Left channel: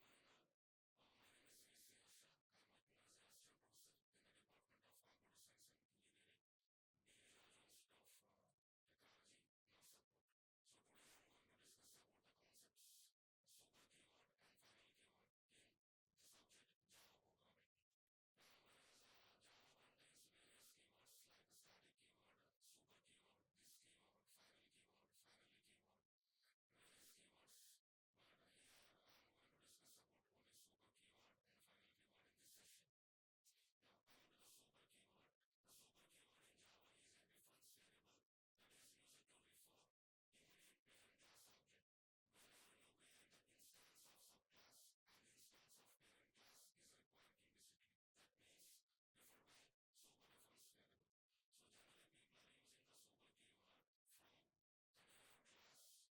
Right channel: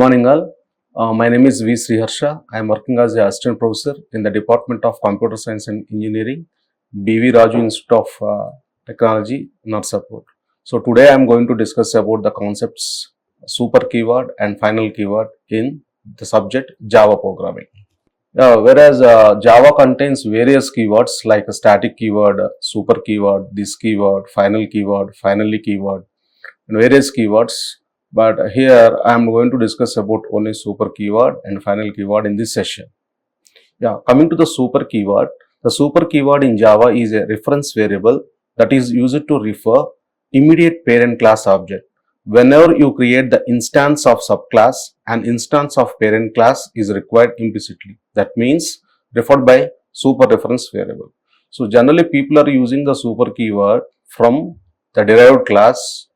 morning all. My name is V. Sriharsha. I am working as a assistant professor in the Department of Computer Science and Engineering, B.V. Raju Institute of Technology, Narsapur. So today I am going to discuss about the concepts super keyword and final keyword in the subject Java programming. Whereas Java contains various keywords like a static keyword, super keyword, this keyword, finally keyword, and various keywords. But here I am going to discuss about only super keyword and final keyword in this session. Coming to the super keyword in Java is a reference variable that is used to refer immediate parent class object. Whenever you create the instance of subclass, an instance of parent class is required implicitly. That means referred by super reference variable. So generally people are using the super keyword from the derived class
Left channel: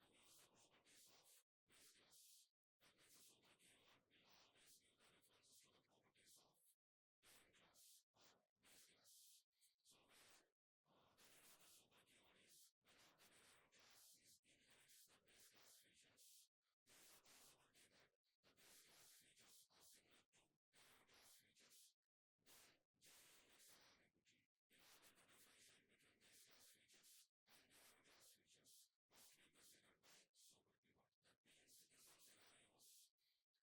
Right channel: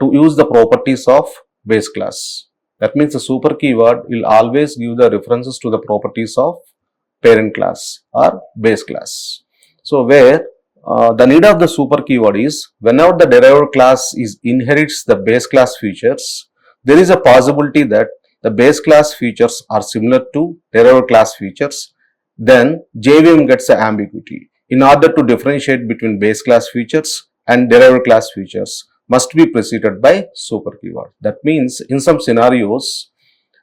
to use the properties of base class. That means the super keyword will always give the references to the properties of parent class or base class. So where the need of the super keyword is whenever the derived class inherits the base class features, there is a possibility that the base class features are similar to derived class features, then JVM gets an ambiguity. In order to differentiate between base class features and derived class features, must be preceded by super keyword. That means in some scenarios,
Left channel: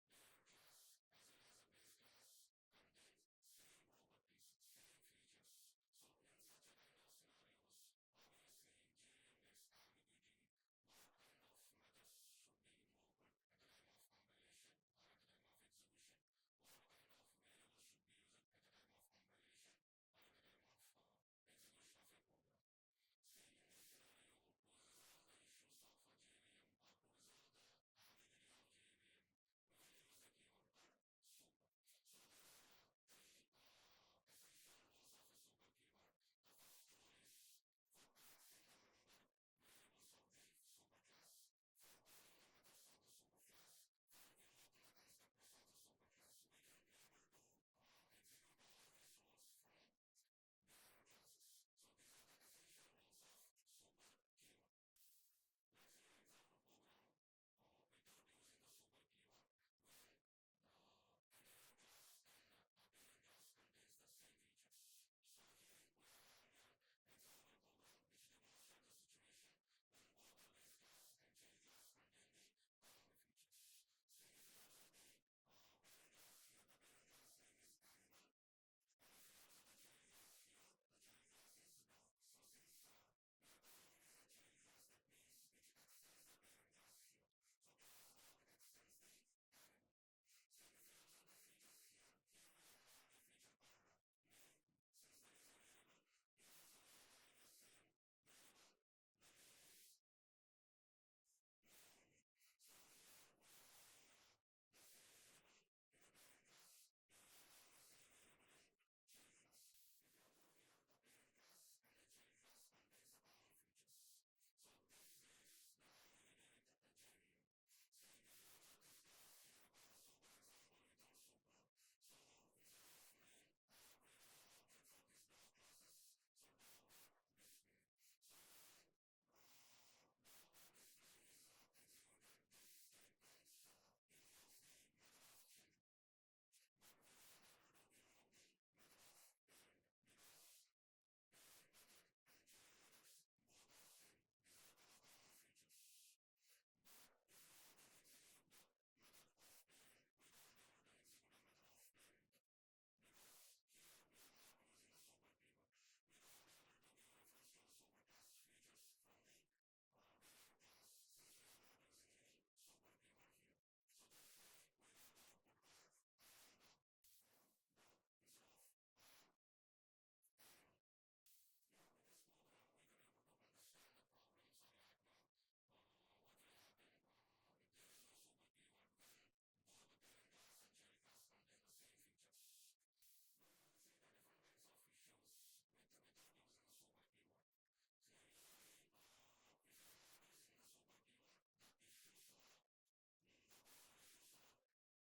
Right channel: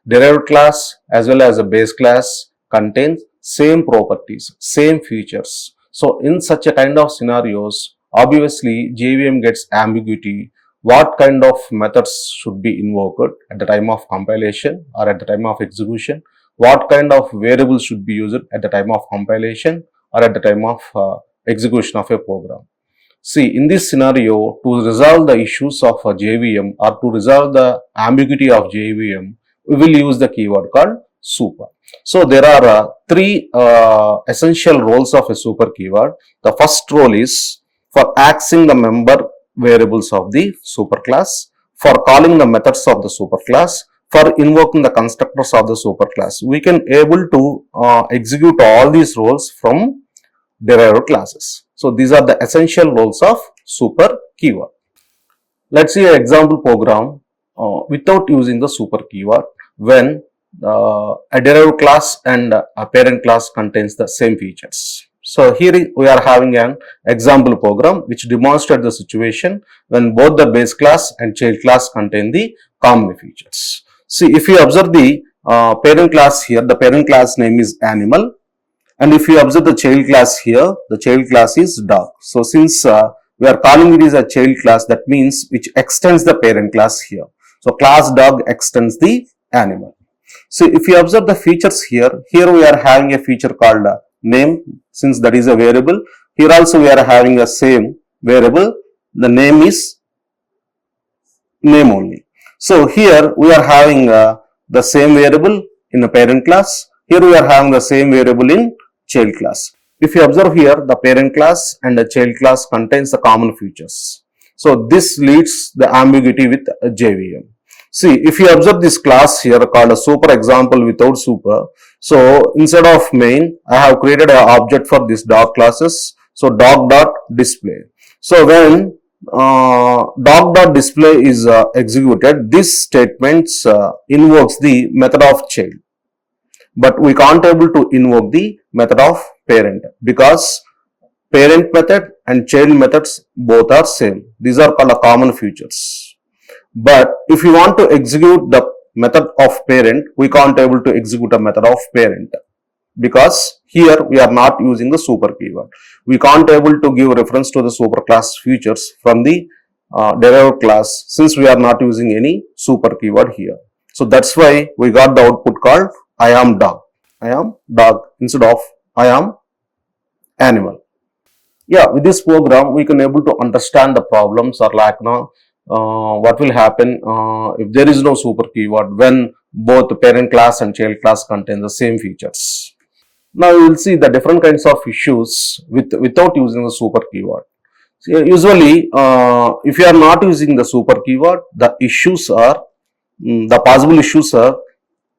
derived class as well as a base class contains same properties, same features. So in such a kind of scenarios, obviously JVM gets ambiguity. What kind of methods should be invoked at the time of compilation or at the time of execution? What kind of variables should be used at the time of compilation or at the time of execution of a program? See, in this scenario, to resolve the issues of a JVM or to resolve the ambiguity of JVM, we will use the keyword called super. So, there are three essential roles of a super keyword. The first role is for accessing the member variables of the superclass, for calling the methods of the superclass, for invoking the constructors of the superclass. We can able to execute all these roles from derived classes. So these are the essential roles of super keyword. Let's see an example program without using the super keyword when a derived class and a parent class contains the same features. So here we are having an example program which demonstrates the situation when both the base class and child class contain the common features. See, if you observe the parent class here, the parent class name is animal. And if you observe the child class here, the child class is dog. So since we are calling it as a child class, that means which extends the parent class here. So class dog extends the animal. So if you observe the features here we are having a feature called name, since that is a variable. Here also we are having a same variable. The name is name only. So here we are having the same variable in the parent class. Here we are having the same variable in child class. If you observe here, the parent class and the child class contains the common features. So this leads the ambiguity with JVM. See, if you observe this class here called a super example without super. So instead of main, I have created an object for this dog classes. So dog.display. So when dog.display is executed, this statement invokes the method of child. But we can't able to invoke the method of parent because parent method and child methods both are same. These are called common features. But if you want to execute the method of parent, we can't able to execute a method of parent because here we are not using the super keyword. We can't able to give reference to the superclass features from the derived class since we are not using any super keyword here. So that's why we got the output called I am dog. I am dog instead of I am animal. With this program we can able to understand the problems or like what will happen if there is no super keyword when both the parent class and child class contain the same features. Now you will see the different kinds of issues without using the super keyword. Usually if you are not using the super keyword, the issues are the possible issues are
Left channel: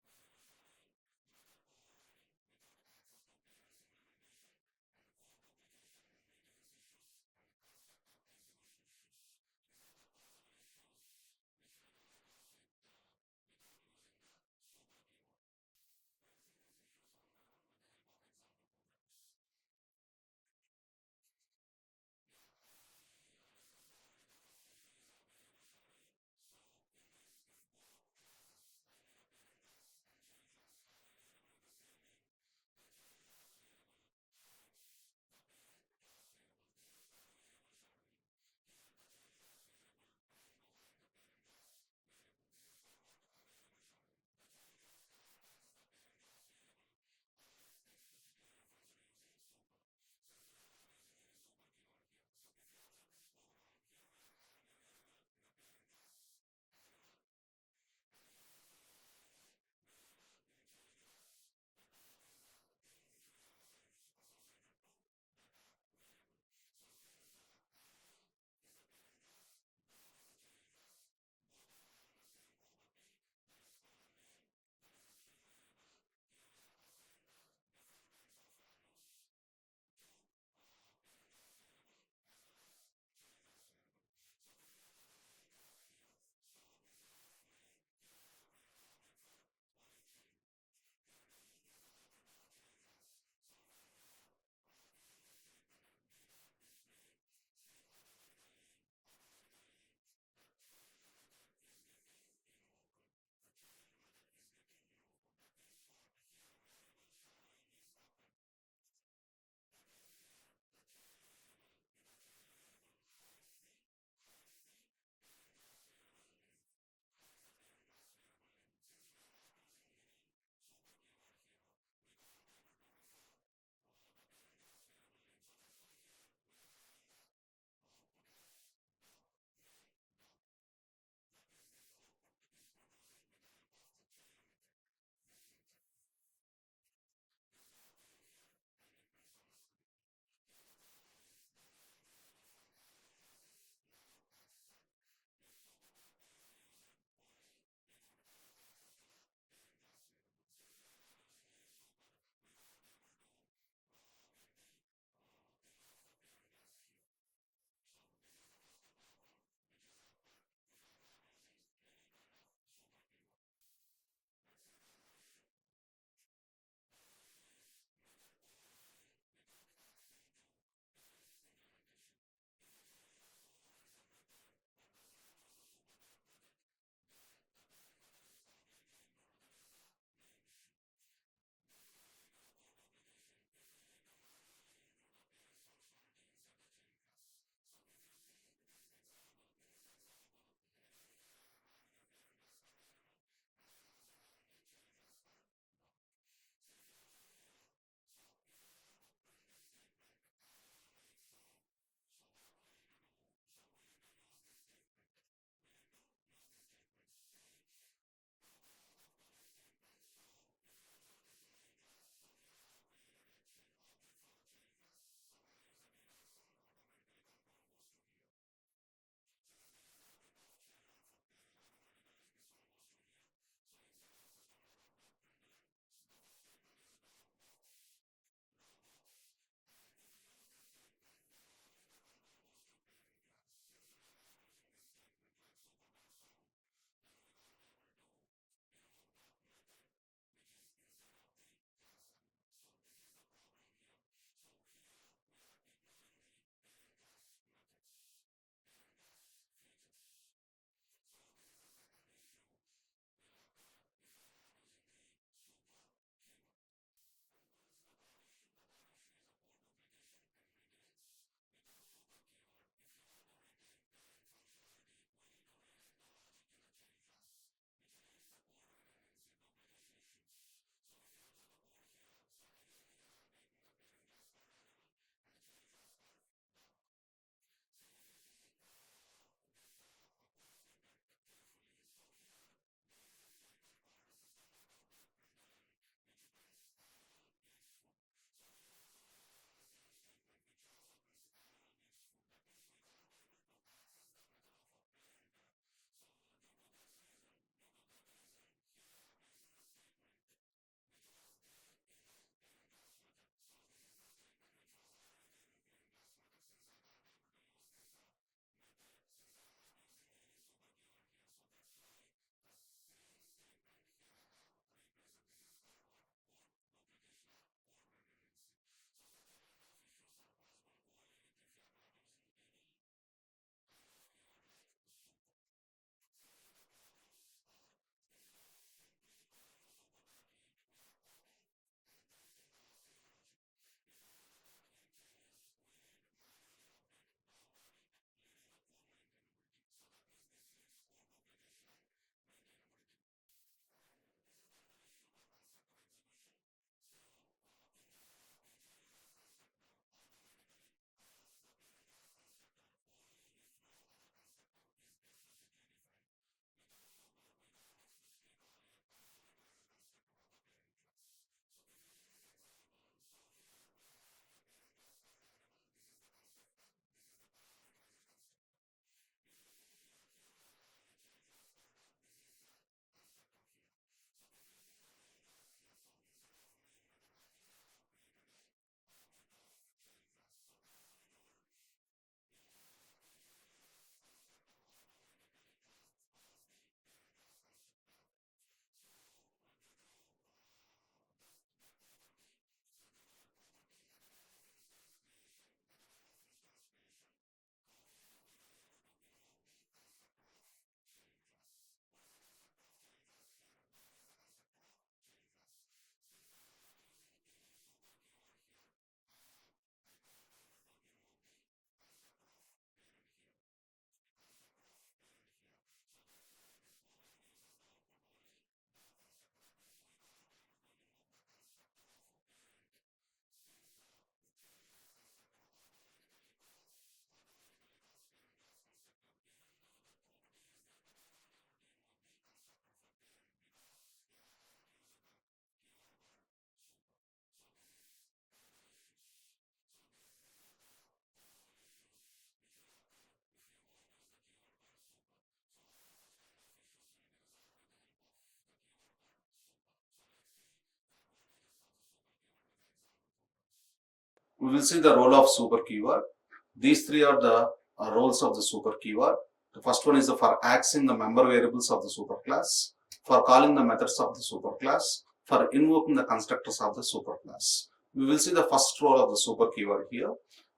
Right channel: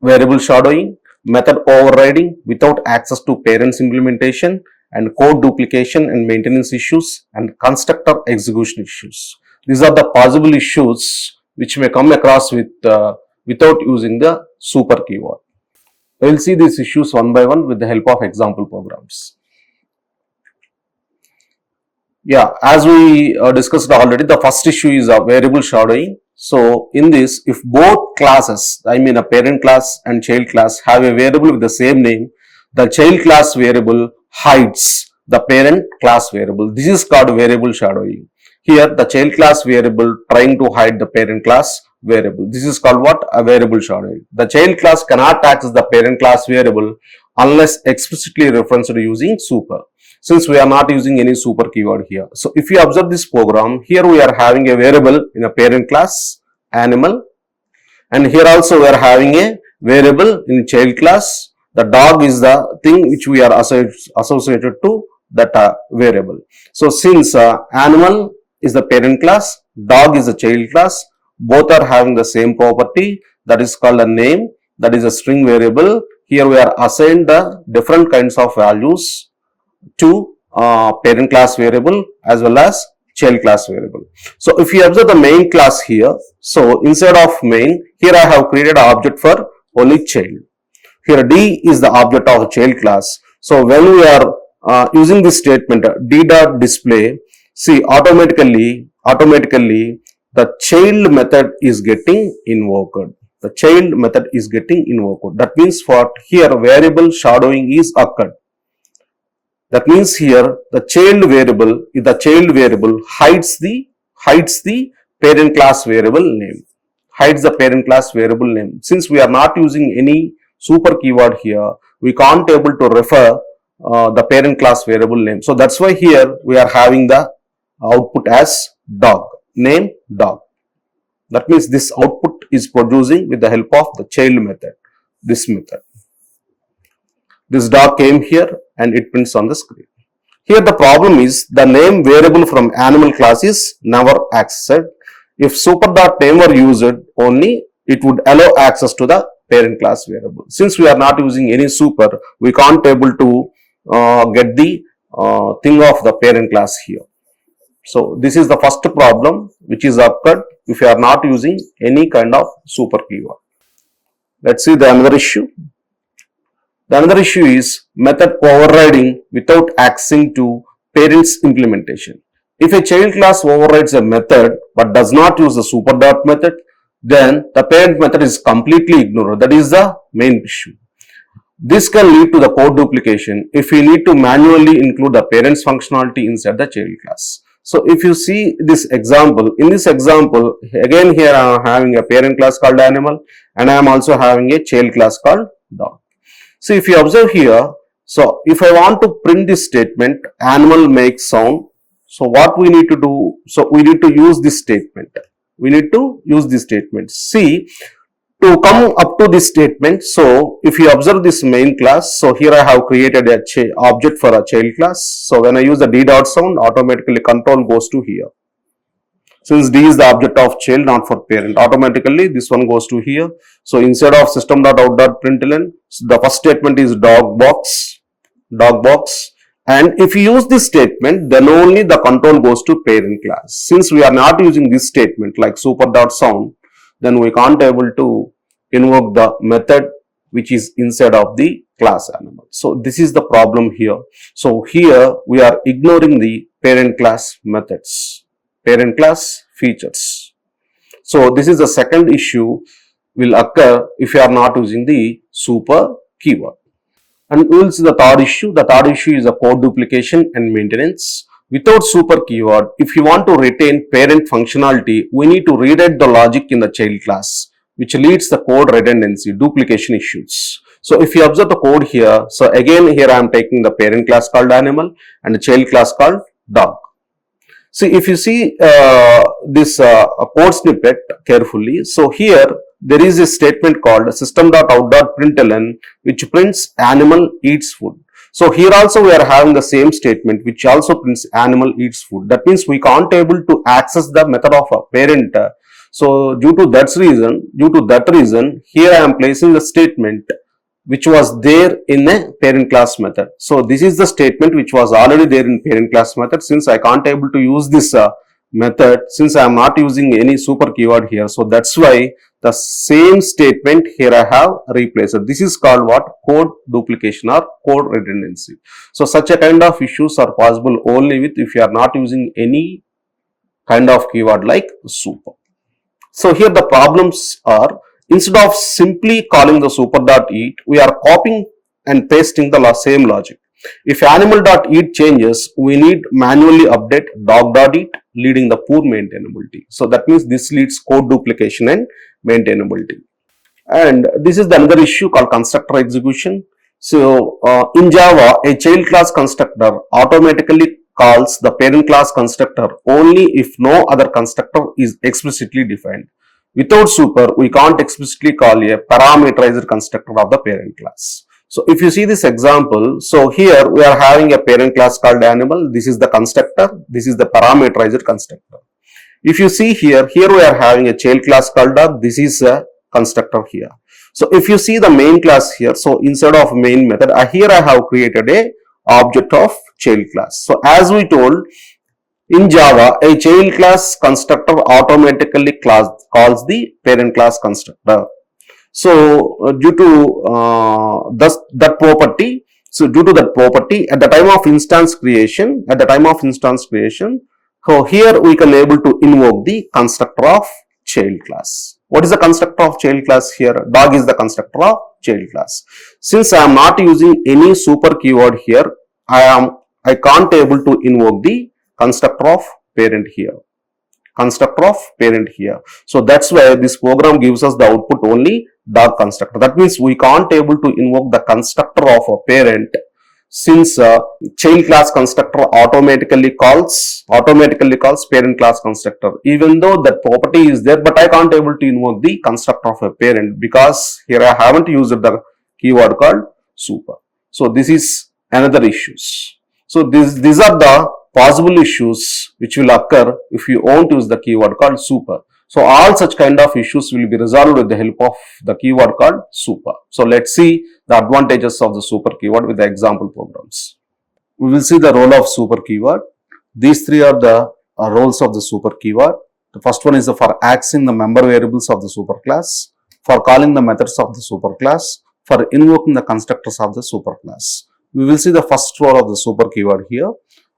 variable shadowing, method overriding without access to parents implementation, and code duplication and maintenance issues, and constructor execution issues. These are the possible issues which may come across with without using the super keyword. We will see these issues one by one with the help of example programs. Yeah, as we discussed already, the first issue is a variable shadowing. So in this, if both classes, I mean a parent class and child class, have a variable with the same name, the child class variable hides the parent class variable. This is called variable shadowing. Here the child class variable trying to hide the parent class variable. This is called what? A variable shadowing. The child class cannot access the parent class variable unless explicitly referenced using super, since we are not using any super keyword here. So if you observe this program, here we are having a variable in a parent class animal, and here also we are having a variable in child class. The dog is the thing which we are associated to that variable. So since animal is the parent class, dog is the child class, both are having the same property, that is called a name, that is a string variable. Here we are assigned the different kinds of values to parent class variable as well as child class variable. So if you observe the main class here, so instead of main, here I have created an object for only child. Here D is the object of child class. So when we are using this statement D dot display, see automatically the child method is getting invoked. The child method is getting invoked. That means for here variable shadowing is occurred. That means here the child variable hides the parent class variable name. Hides the parent class variable name. Since we are not using any super keyword here, we can't able to refer the parent class variable name. So that's why here we are having the output as dog, name dog. That means this output is producing with the help of the child method, this method. This dog came here and it prints on the screen. Here the problem is the name variable from animal class is never accessed. If super.name were used only, it would allow access to the parent class variable. Since we are not using any super, we can't able to get the thing of the parent class here. So this is the first problem which is occurred if you are not using any kind of super keyword. Let's see the another issue. The another issue is method overriding without accessing to parent's implementation. If a child class overrides a method but does not use the super dot method, then the parent method is completely ignored. That is the main issue. This can lead to the code duplication if we need to manually include the parent's functionality inside the child class. So if you see this example, in this example, again here I am having a parent class called animal and I am also having a child class called dog. So if you observe here, so if I want to print this statement, animal makes sound. So what we need to do? So we need to use this statement. We need to use this statement. See, to come up to this statement, so if you observe this main class, so here I have created a object for a child class. So when I use the D dot sound, automatically control goes to here. Since D is the object of child, not for parent, automatically this one goes to here. So instead of system.out.println, the first statement is dog box, and if you use this statement, then only the control goes to parent class. Since we are not using this statement like super.sound, then we can't able to invoke the method which is inside of the class animal. So this is the problem here. So here we are ignoring the parent class methods, parent class features. So this is the second issue will occur if you are not using the super keyword. And we will see the third issue. The third issue is a code duplication and maintenance. Without super keyword, if you want to retain parent functionality, we need to rewrite the logic in the child class, which leads the code redundancy, duplication issues. So if you observe the code here, so again here I am taking the parent class called animal and the child class called dog. See, if you see this code snippet carefully, so here there is a statement called system.out.println which prints animal eats food. So here also we are having the same statement which also prints animal eats food. That means we can't able to access the method of a parent. So due to that reason, here I am placing the statement which was there in a parent class method. So this is the statement which was already there in parent class method. Since I can't able to use this method, since I am not using any super keyword here, so that's why the same statement here I have replaced. This is called what? Code duplication or code redundancy. So such a kind of issues are possible only with if you are not using any kind of keyword like super. So here the problems are, instead of simply calling the super.eat, we are copying and pasting the same logic. If animal.eat changes, we need manually update dog.eat, leading the poor maintainability. So that means this leads code duplication and maintainability. And this is the another issue called constructor execution. So in Java, a child class constructor automatically calls the parent class constructor only if no other constructor is explicitly defined. Without super, we can't explicitly call a parameterized constructor of the parent class. So if you see this example, so here we are having a parent class called animal. This is the constructor. This is the parameterized constructor. If you see here, we are having a child class called dog. This is a constructor here. So if you see the main class here, so instead of main method, here I have created a object of child class. So as we told, in Java, a child class constructor automatically calls the parent class constructor. So due to that property, at the time of instance creation, so here we can able to invoke the constructor of child class. What is the constructor of child class here? Dog is the constructor of child class. Since I am not using any super keyword here, I can't able to invoke the constructor of parent here. So that's why this program gives us the output only dog constructor. That means we can't able to invoke the constructor of a parent, since child class constructor automatically calls parent class constructor. Even though that property is there, but I can't able to invoke the constructor of a parent because here I haven't used the keyword called super. So this is another issues. So these are the possible issues which will occur if you won't use the keyword called super. So all such kind of issues will be resolved with the help of the keyword called super. So let's see the advantages of the super keyword with the example programs. We will see the role of super keyword. These three are the roles of the super keyword. The first one is for accessing the member variables of the super class, for calling the methods of the super class, for invoking the constructors of the super class. We will see the first role of the super keyword here.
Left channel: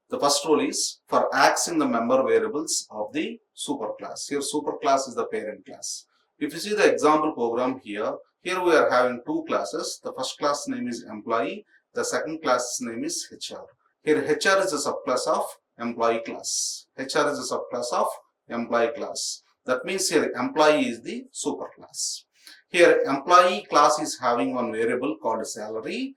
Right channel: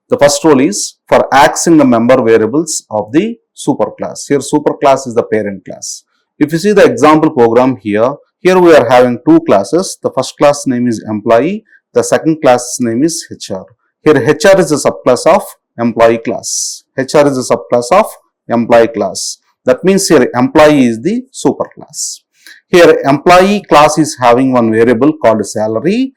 The first role is for accessing the member variables of the super class. Here super class is the parent class. If you see the example program here we are having two classes. The first class name is employee. The second class name is HR. Here HR is a subclass of employee class. HR is a subclass of employee class. That means here employee is the super class. Here employee class is having one variable called salary.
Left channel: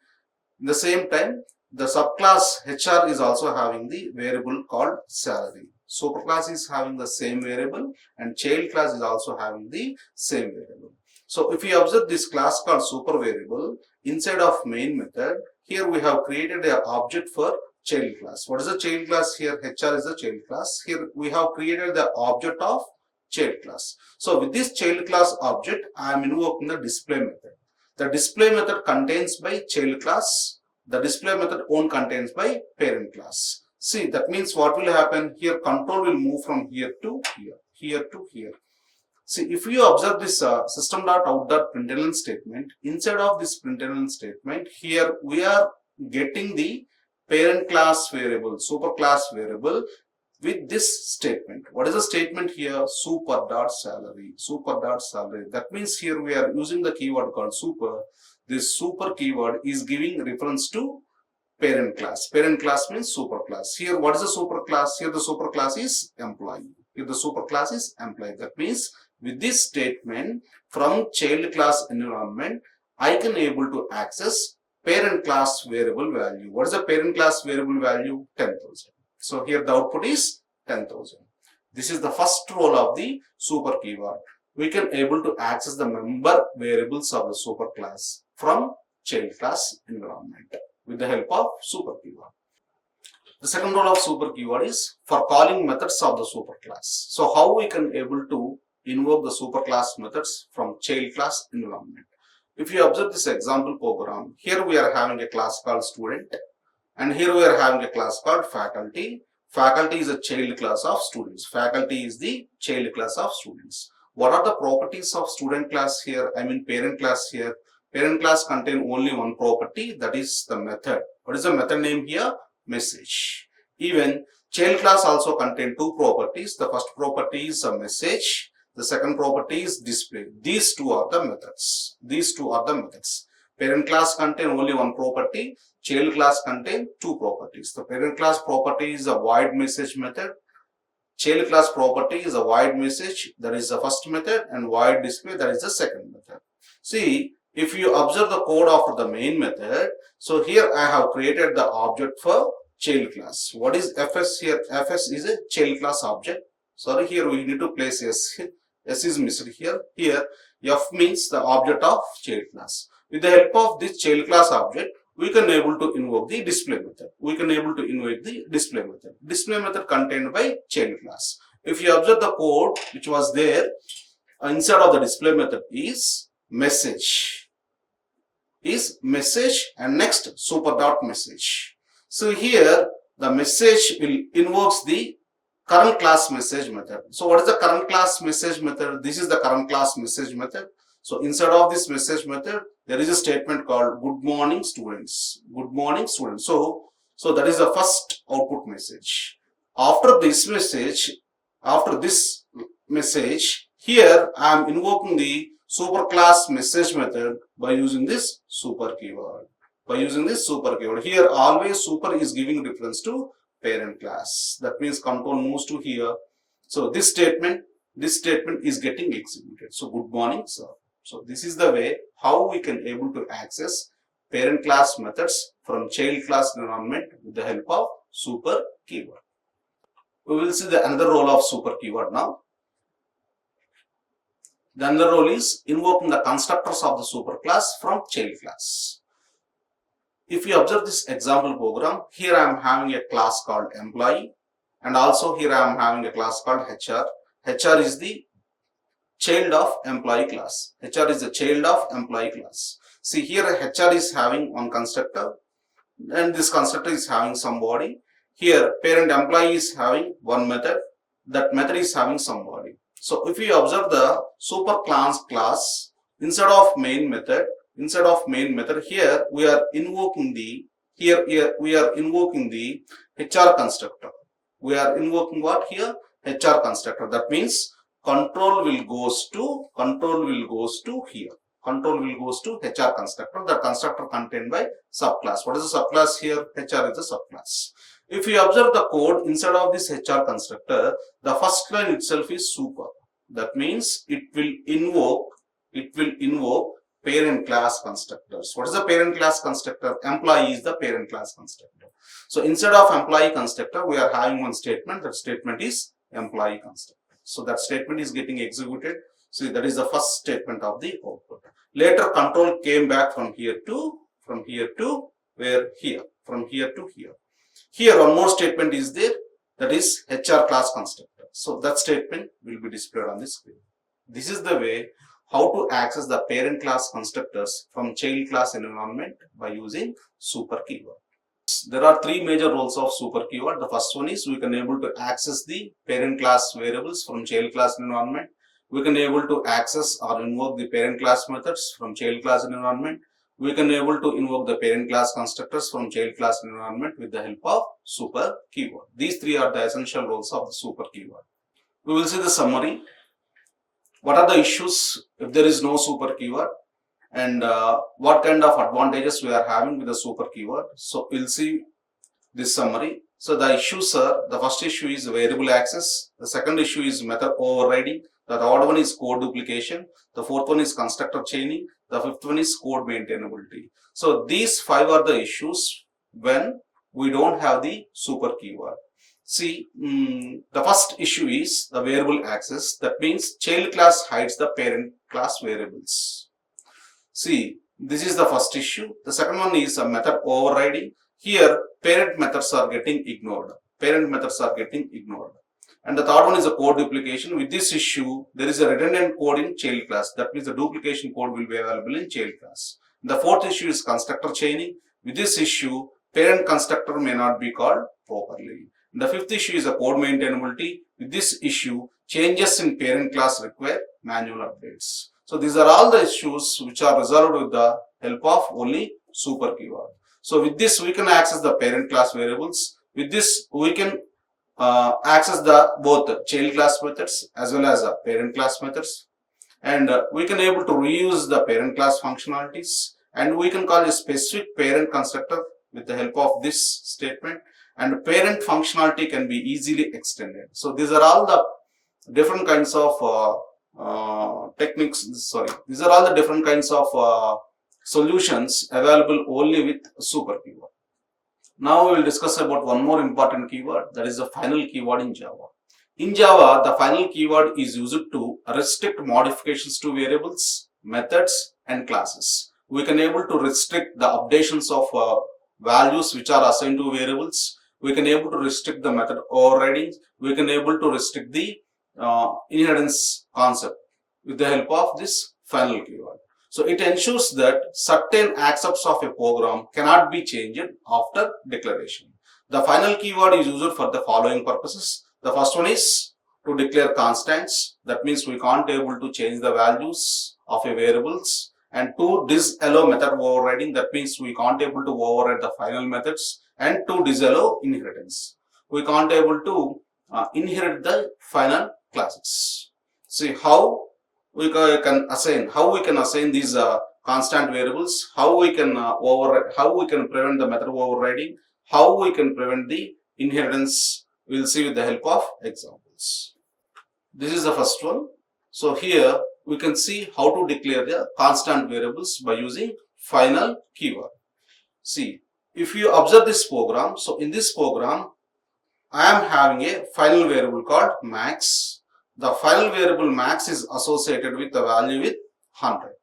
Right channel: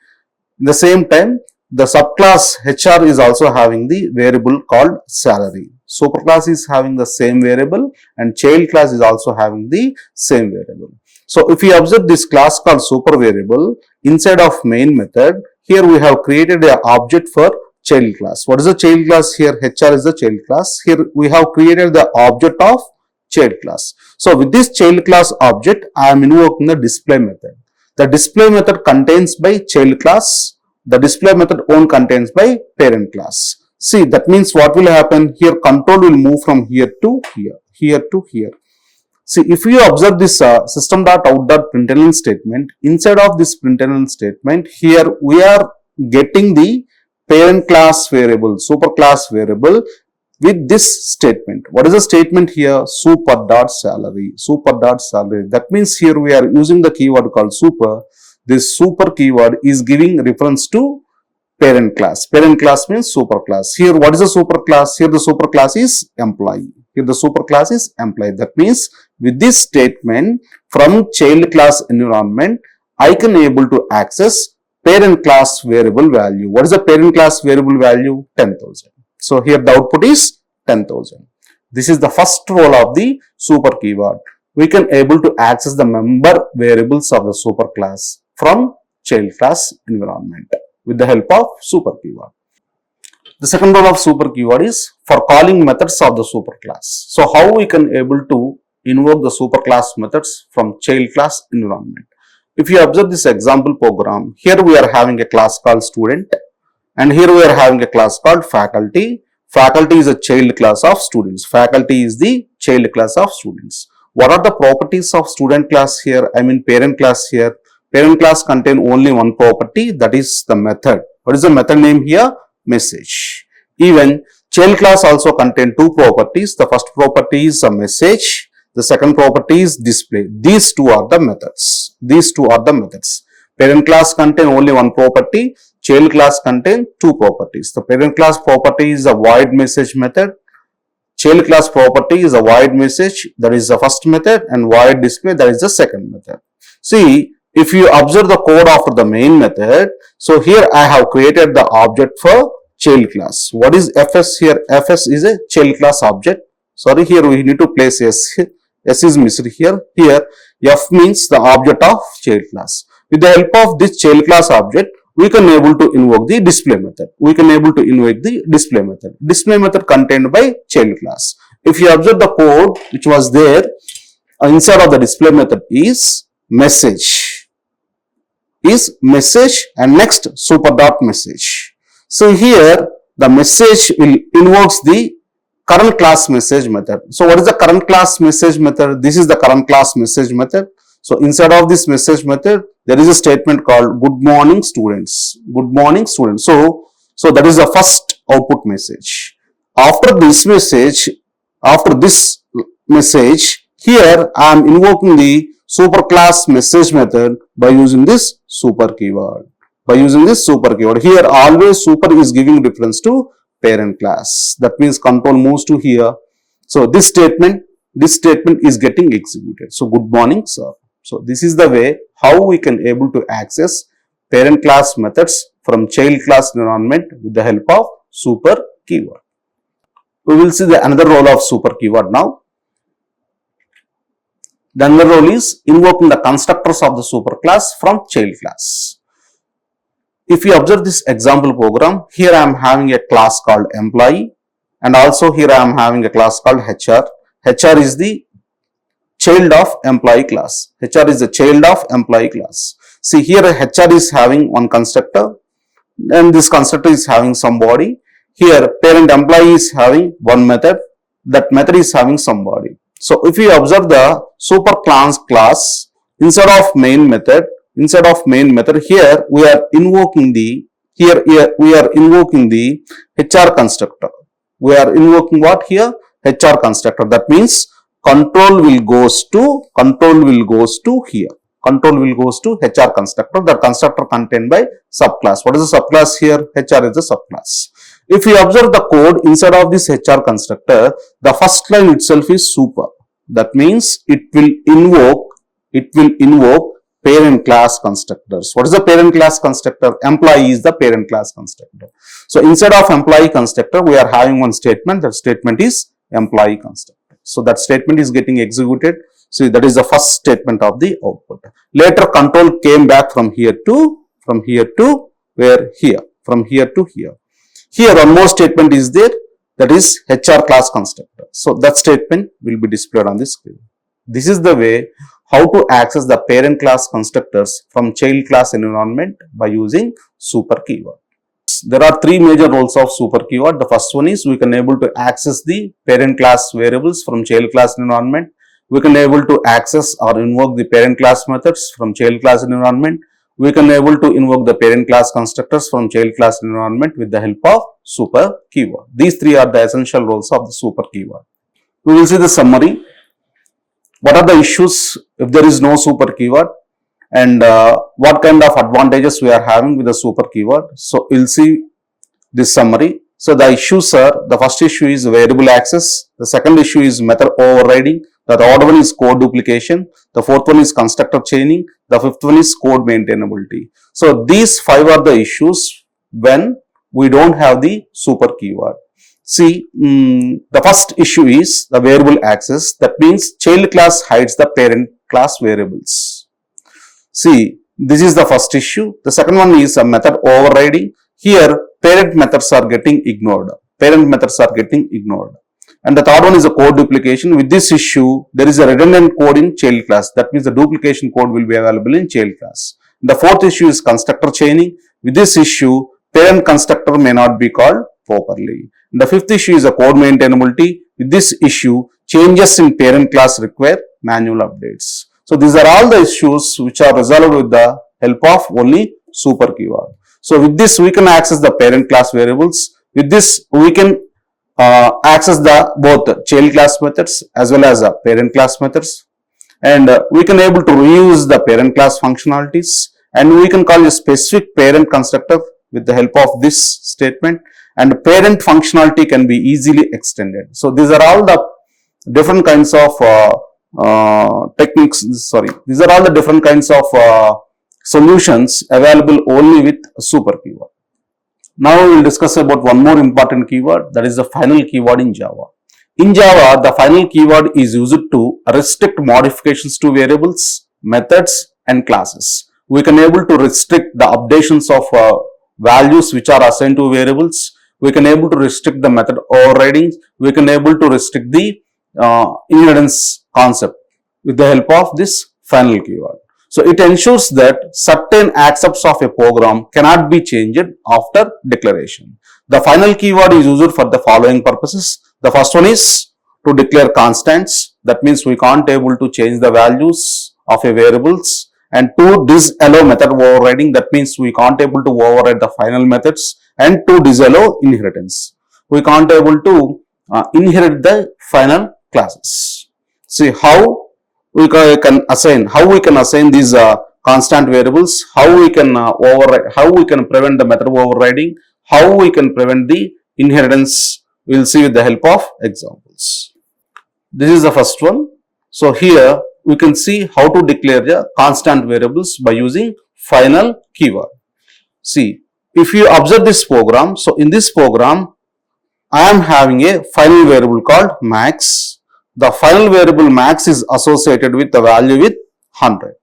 In the same time, the subclass HR is also having the variable called salary. Superclass is having the same variable and child class is also having the same variable. So if you observe this class called super variable inside of main method, here we have created an object for child class. What is the child class here? HR is the child class. Here we have created the object of child class. So with this child class object, I am invoking the display method. The display method contains by child class. The display method own contains by parent class. See, that means what will happen here? Control will move from here to here to here. See, if you observe this system.out.println statement, inside of this println statement, here we are getting the parent class variable, super class variable with this statement. What is the statement here? Super.salary. That means here we are using the keyword called super. This super keyword is giving reference to parent class. Parent class means super class. Here, what is the super class? Here the super class is employee. Here the super class is employee. That means with this statement from child class environment, I can able to access parent class variable value. What is the parent class variable value? 10,000. So here the output is 10,000. This is the first role of the super keyword. We can able to access the member variables of the super class from child class environment with the help of super keyword. The second role of super keyword is for calling methods of the super class. So how we can able to invoke the super class methods from child class environment. If you observe this example program, here we are having a class called student and here we are having a class called faculty. Faculty is a child class of students. Faculty is the child class of students. What are the properties of student class here? I mean parent class here. Parent class contain only one property, that is the method. What is the method name here? Message. Even child class also contain two properties. The first property is a message. The second property is display. These two are the methods. These two are the methods. Parent class contain only one property. Child class contain two properties. The parent class property is a void message method. Child class property is a void message, that is the first method, and void display, that is the second method. See, if you observe the code of the main method, so here I have created the object for child class. What is fs here? Fs is a child class object. Sorry, here we need to place s. S is missed here. Here f means the object of child class. With the help of this child class object, we can able to invoke the display method. We can able to invoke the display method. Display method contained by child class. If you observe the code which was there, inside of the display method is message and next super dot message. So here the message will invokes the current class message method. So what is the current class message method? This is the current class message method. So inside of this message method, there is a statement called good morning students. Good morning students. So that is the first output message. After this message, here I am invoking the superclass message method by using this super keyword. Here always super is giving reference to parent class. That means control moves to here. So this statement is getting executed. So good morning sir. So this is the way how we can able to access parent class methods from child class environment with the help of super keyword. We will see the another role of super keyword now. The another role is invoking the constructors of the super class from child class. If you observe this example program, here I am having a class called employee, and also here I am having a class called HR. HR is the child of employee class. HR is the child of employee class. See here HR is having one constructor, and this constructor is having some body. Here parent employee is having one method, that method is having some body. So if you observe the super class inside of main method, here we are invoking the HR constructor. We are invoking what here? HR constructor. That means control will goes to here. Control will goes to HR constructor. The constructor contained by subclass. What is the subclass here? HR is the subclass. If you observe the code inside of this HR constructor, the first line itself is super. That means it will invoke parent class constructors. What is the parent class constructor? Employee is the parent class constructor. So inside of employee constructor, we are having one statement. That statement is employee constructor. So that statement is getting executed. So that is the first statement of the output. Later control came back from here to where? Here. From here to here. Here one more statement is there, that is HR class constructor. So that statement will be displayed on the screen. This is the way how to access the parent class constructors from child class environment by using super keyword. There are three major roles of super keyword. The first one is we can able to access the parent class variables from child class environment. We can able to access or invoke the parent class methods from child class environment. We can able to invoke the parent class constructors from child class environment with the help of super keyword. These three are the essential roles of the super keyword. We will see the summary. What are the issues if there is no super keyword, and what kind of advantages we are having with the super keyword. So we'll see this summary. So the issues are, the first issue is variable access. The second issue is method overriding. The third one is code duplication. The fourth one is constructor chaining. The fifth one is code maintainability. So these five are the issues when we don't have the super keyword. See, the first issue is the variable access. That means child class hides the parent class variables. See, this is the first issue. The second one is a method overriding. Here, parent methods are getting ignored. And the third one is a code duplication. With this issue, there is a redundant code in child class. That means the duplication code will be available in child class. The fourth issue is constructor chaining. With this issue, parent constructor may not be called properly. The fifth issue is a code maintainability. With this issue, changes in parent class require manual updates. So these are all the issues which are resolved with the help of only super keyword. So with this we can access the parent class variables. With this we can access the both child class methods as well as the parent class methods, and we can able to reuse the parent class functionalities, and we can call a specific parent constructor with the help of this statement, and parent functionality can be easily extended. So these are all the different kinds of these are all the different kinds of solutions available only with super keyword. Now we will discuss about one more important keyword, that is the final keyword in Java. In Java, the final keyword is used to restrict modifications to variables, methods and classes. We can able to restrict the updations of values which are assigned to variables. We can able to restrict the method overridings. We can able to restrict the inheritance concept with the help of this final keyword. So it ensures that certain aspects of a program cannot be changed after declaration. The final keyword is used for the following purposes. The first one is to declare constants. That means we can't able to change the values of a variables. And to disallow method overriding. That means we can't able to override the final methods. And to disallow inheritance. We can't able to inherit the final classes. See how we can assign these constant variables, how we can override, how we can prevent the method overriding, how we can prevent the inheritance. We will see with the help of examples. This is the first one. So here we can see how to declare the constant variables by using final keyword. See, if you observe this program, so in this program I am having a final variable called max. The final variable max is associated with the value with 100.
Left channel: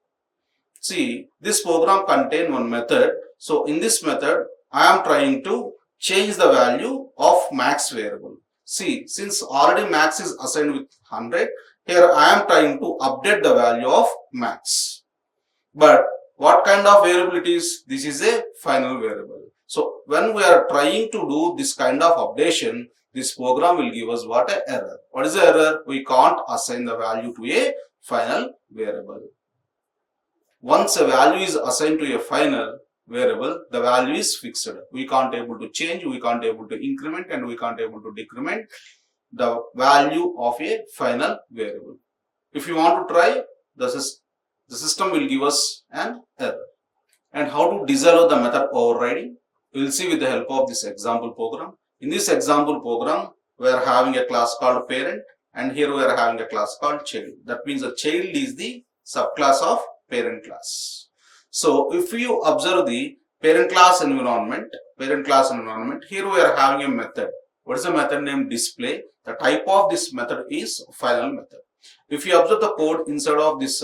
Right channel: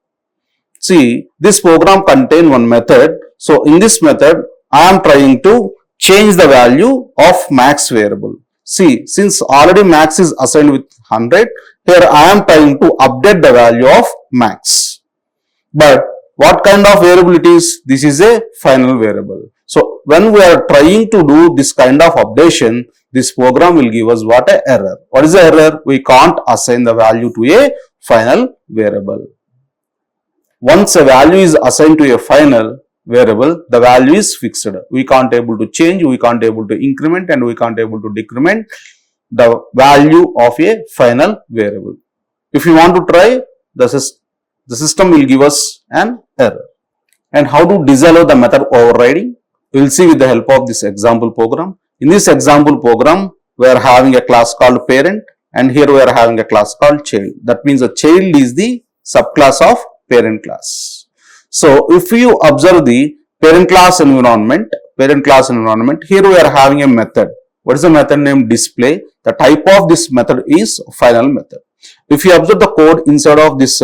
See, this program contains one method. So in this method, I am trying to change the value of max variable. See, since already max is assigned with 100, here I am trying to update the value of max. But what kind of variable it is? This is a final variable. So when we are trying to do this kind of updation, this program will give us what? An error. What is the error? We can't assign the value to a final variable. Once a value is assigned to a final variable, the value is fixed. We can't able to change, we can't able to increment, and we can't able to decrement the value of a final variable. If you want to try, the system will give us an error. And how to disallow the method overriding? We will see with the help of this example program. In this example program, we are having a class called parent, and here we are having a class called child. That means the child is the subclass of parent class. So if you observe the parent class environment, here we are having a method. What is the method name? Display. The type of this method is final method. If you observe the code inside of this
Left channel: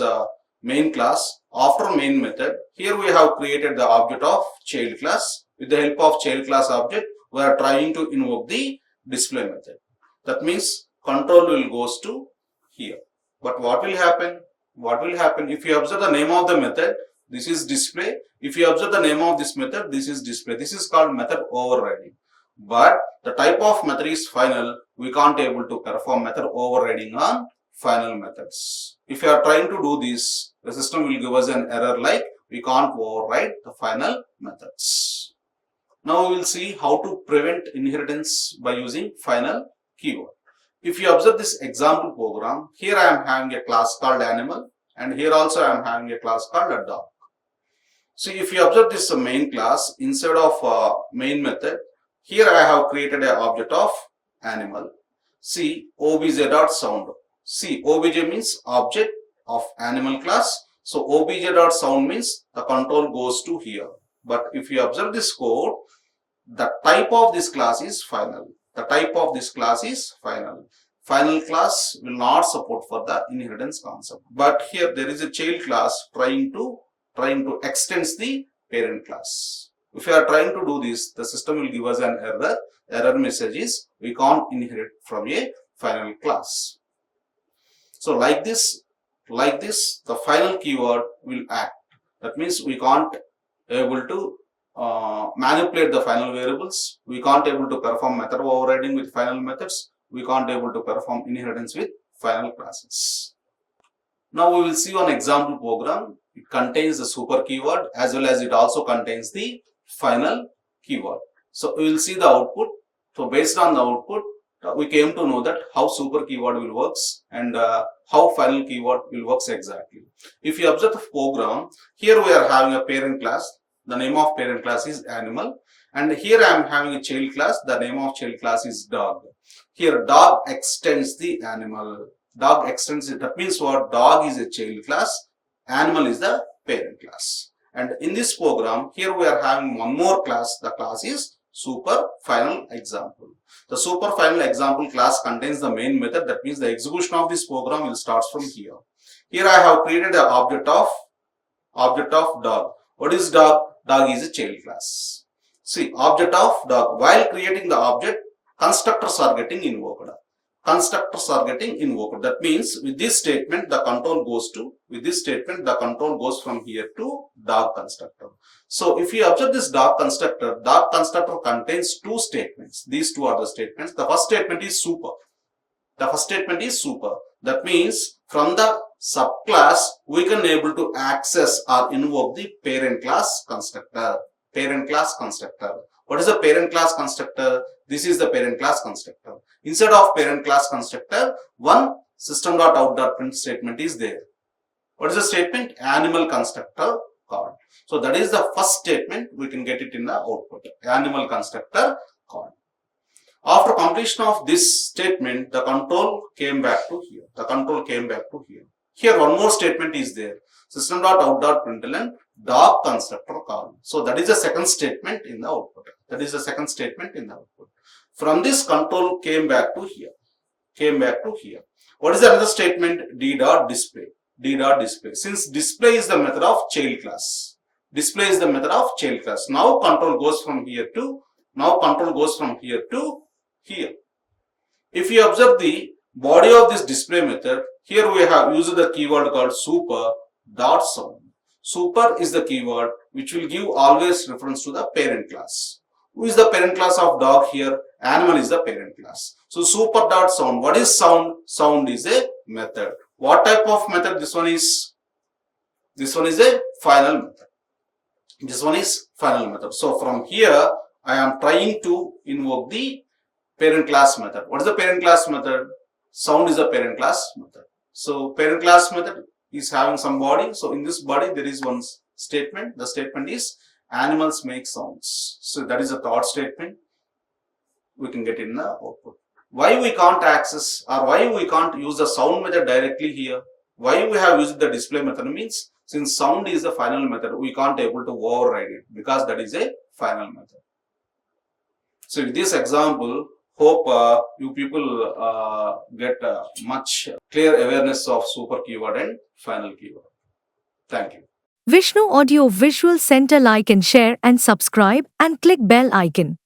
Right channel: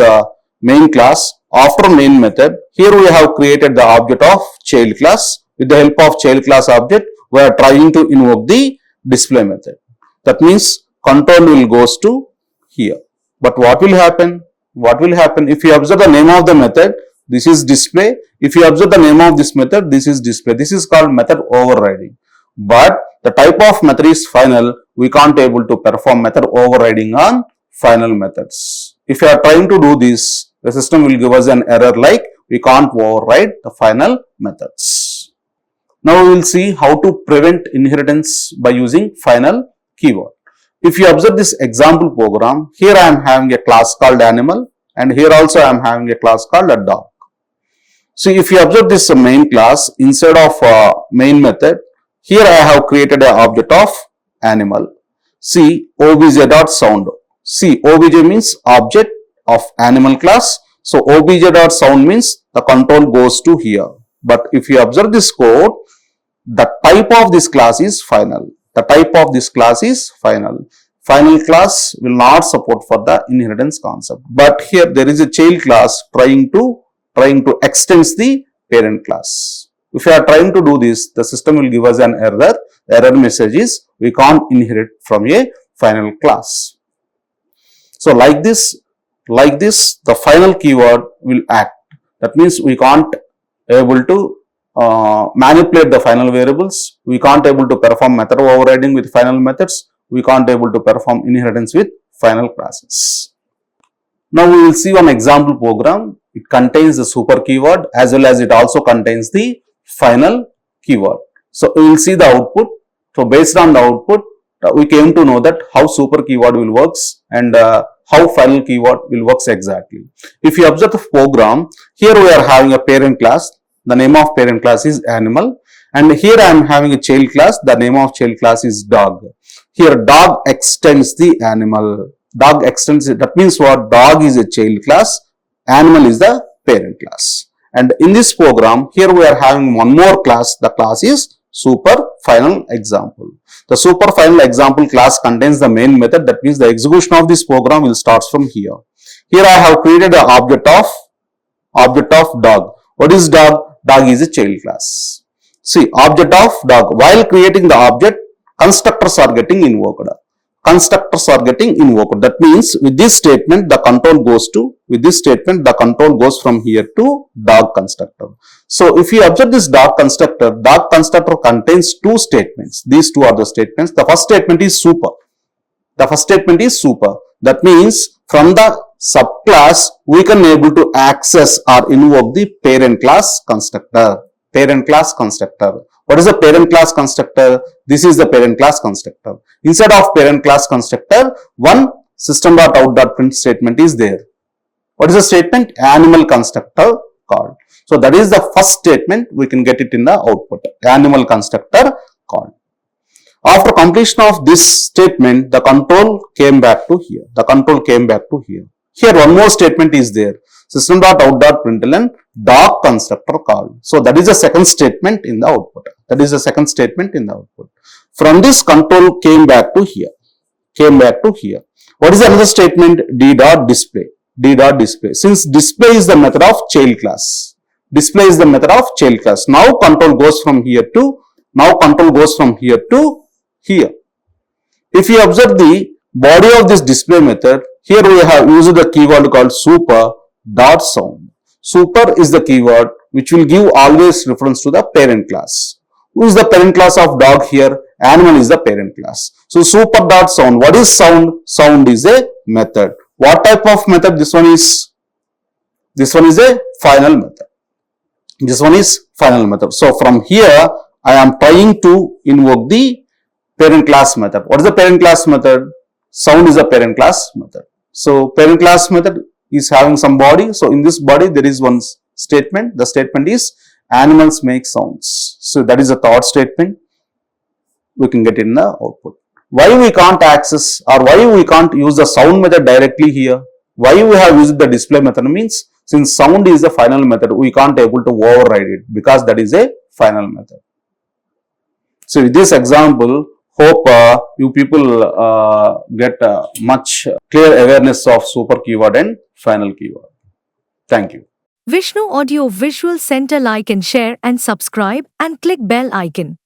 main class, after main method, here we have created the object of child class. With the help of child class object, we are trying to invoke the display method. That means control will goes to here. But what will happen? What will happen if you observe the name of the method? This is display. If you observe the name of this method, this is display. This is called method overriding. But the type of method is final. We can't able to perform method overriding on final methods. If you are trying to do this, the system will give us an error like we can't override the final methods. Now we will see how to prevent inheritance by using final keyword. If you observe this example program, here I am having a class called animal, and here also I am having a class called a dog. See, if you observe this main class, instead of main method, here I have created an object of animal. See, obj.sound. See, obj means object of animal class. So obj.sound means the control goes to here. But if you observe this code, the type of this class is final. The type of this class is final. Final class will not support for the inheritance concept. But here there is a child class trying to extend the parent class. If you are trying to do this, the system will give us an error. The error message is we can't inherit from a final class. So like this, the final keyword will act. That means we can't able to manipulate the final variables. We can't able to perform method overriding with final methods. We can't able to perform inheritance with final classes. Now we will see one example program. It contains the super keyword as well as it also contains the final keyword. So we will see the output. So based on the output, we came to know that how super keyword will works and how final keyword will works exactly. If you observe the program, here we are having a parent class. The name of parent class is animal, and here I am having a child class. The name of child class is dog. Here dog extends the animal. Dog extends it. That means what? Dog is a child class, animal is the parent class. And in this program, here we are having one more class. The class is super final example. The super final example class contains the main method. That means the execution of this program will start from here. Here I have created an object of dog. What is dog? Dog is a child class. See, object of dog. While creating the object, constructors are getting invoked. Constructors are getting invoked. That means with this statement, the control goes from here to dog constructor. So if you observe this dog constructor contains two statements. These two are the statements. The first statement is super. That means from the subclass, we can able to access or invoke the parent class constructor. What is the parent class constructor? This is the parent class constructor. Instead of parent class constructor, one system.out.print statement is there. What is the statement? Animal constructor called. So that is the first statement. We can get it in the output. Animal constructor called. After completion of this statement, the control came back to here. Here one more statement is there. System.out.println dog constructor called. So that is the second statement in the output. From this control came back to here. What is another statement? D.display. Since display is the method of child class. Now control goes from here to here. If you observe the body of this display method, here we have used the keyword called super.sound. Super is the keyword which will give always reference to the parent class. Who is the parent class of dog here? Animal is the parent class. So super.sound. What is sound? Sound is a method. What type of method? This one is a final method. So from here, I am trying to invoke the parent class method. What is the parent class method? Sound is a parent class method. So parent class method is having some body. So in this body, there is one statement. The statement is animals make sounds. So that is the third statement. We can get in the output. Why we can't access or why we can't use the sound method directly here? Why we have used the display method means since sound is the final method, we can't able to override it because that is a final method. So with this example, hope you people get much clear awareness of super keyword and final keyword. Thank you. Vishnu Audio Visual Center, like and share and subscribe and click bell icon.